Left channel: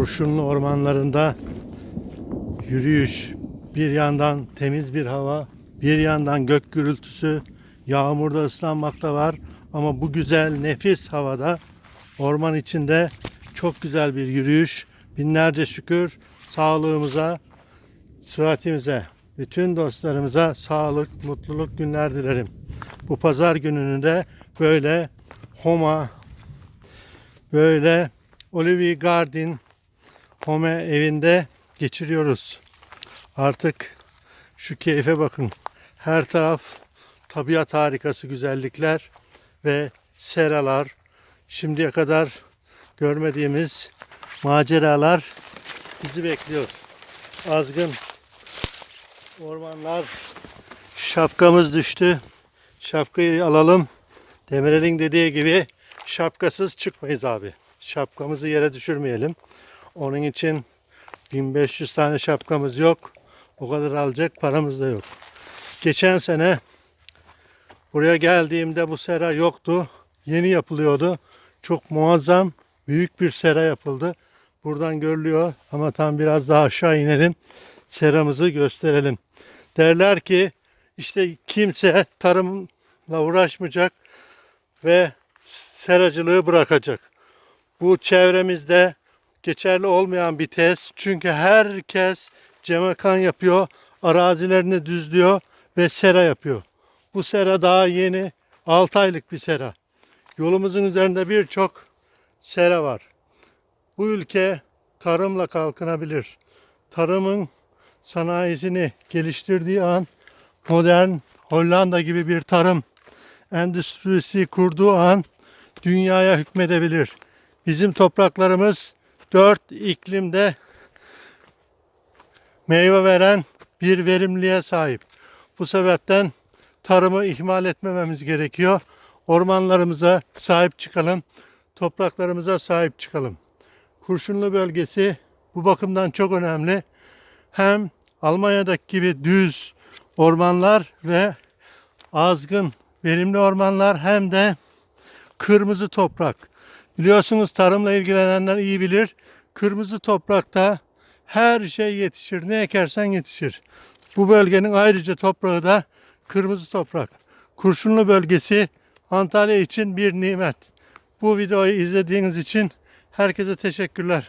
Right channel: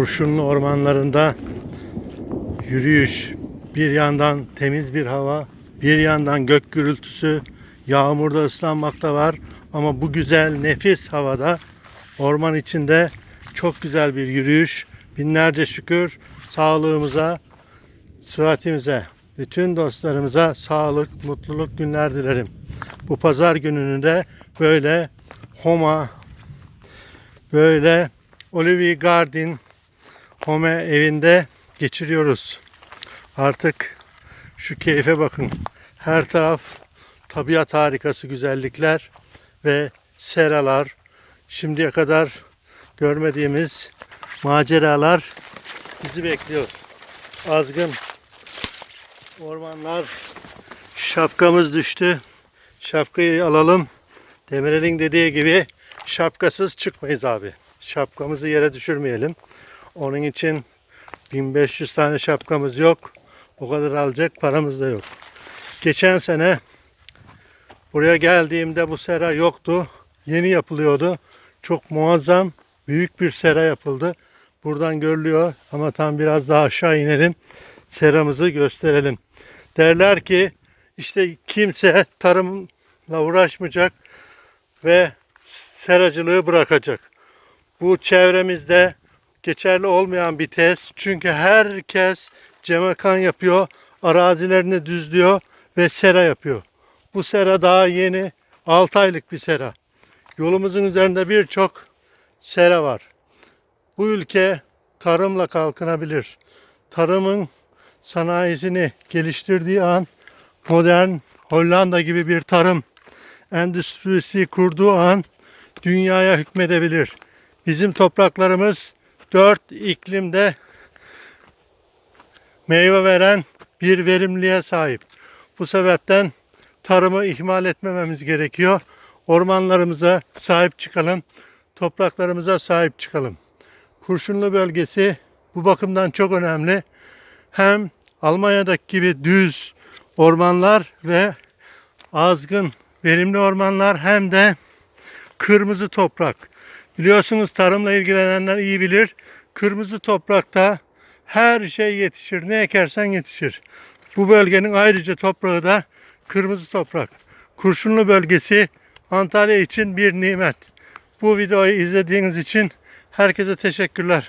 kurşunlu ormanlarında yürüyüş. Bir yandan temiz bir hava, bir yandan gök gürültüsü, yağmurda ıslanmak da var. Ama bu güzel nefis havada orman içinde çok güzel bir yürüyüş. Binlerce şükür sağlığımıza, sıhhatimize, bütün dostlarımıza sağlık, mutluluk günler dilerim. Bu pazar gününü de böyle Homa, böyle Olivier Garden Home evinde geçiriyoruz. Artık şu keyfe bakın. Her taraf tabiat harikası güzellikler ve seralar. Şimdiye kadar görmediğimiz maceralar bizi bekliyor. Azgın ormanlar şapkamız düştü. Şapkayı alalım. Demirel'in dediği gibi şapkasız çıkmayız abi. Şapkamızı yere düşürmeyelim. Onun için 1500 tane şapkamız yok. O kadar alacak paramız da yok. Geçen sene buraya geldiğimde bu sera yoktu. Yeni yapılıyordu. Çok muazzam büyük bir sera yapıldı. Buradan görülüyor ama tam biraz daha aşağı inelim. Seramızı gösterelim. Derler ki işte kimse tarımla uğraşmayacak ve seracılığı bırakacak. Bu çevremizde geçerli olmayan bir test. Çünkü herkes cemekan yapıyor, arazilerini düzlüyor ve sera yapıyor. Bu sera daha yeni 6 aylık bir sera. Yolumuzun üzerinde birçok sera var. Bu ülke tarımla kalkınabilir. Tarımın sanayisini geliştirdiği an modern Hollanda gibi bir tarım endüstrisi kurduğu an dünyaya hükmedebilir. Bizim topraklarımız dört iklimde meyve veren bir verimliğe sahip. Bu sebepten tarımı ihmal etmememiz gerekiyor. Ormanlarımıza sahip çıkalım. Topraklarımıza sahip çıkalım. Kurşunlu bölgesi bu bakımdan çok önemli. Hem Almanya'daki gibi düz ormanlar ve azgın verimli ormanlar hem de kırmızı toprak. Biliyorsunuz tarımla ilgilenenler iyi bilir. Kırmızı toprakta her şey yetişir. Ne ekersen yetişir. Bu bölgenin ayrıca toprağı da kırmızı toprak. Kurşunlu bölgesi Antalya için bir nimet. Bu videoyu izlediğiniz için herkese teşekkürler.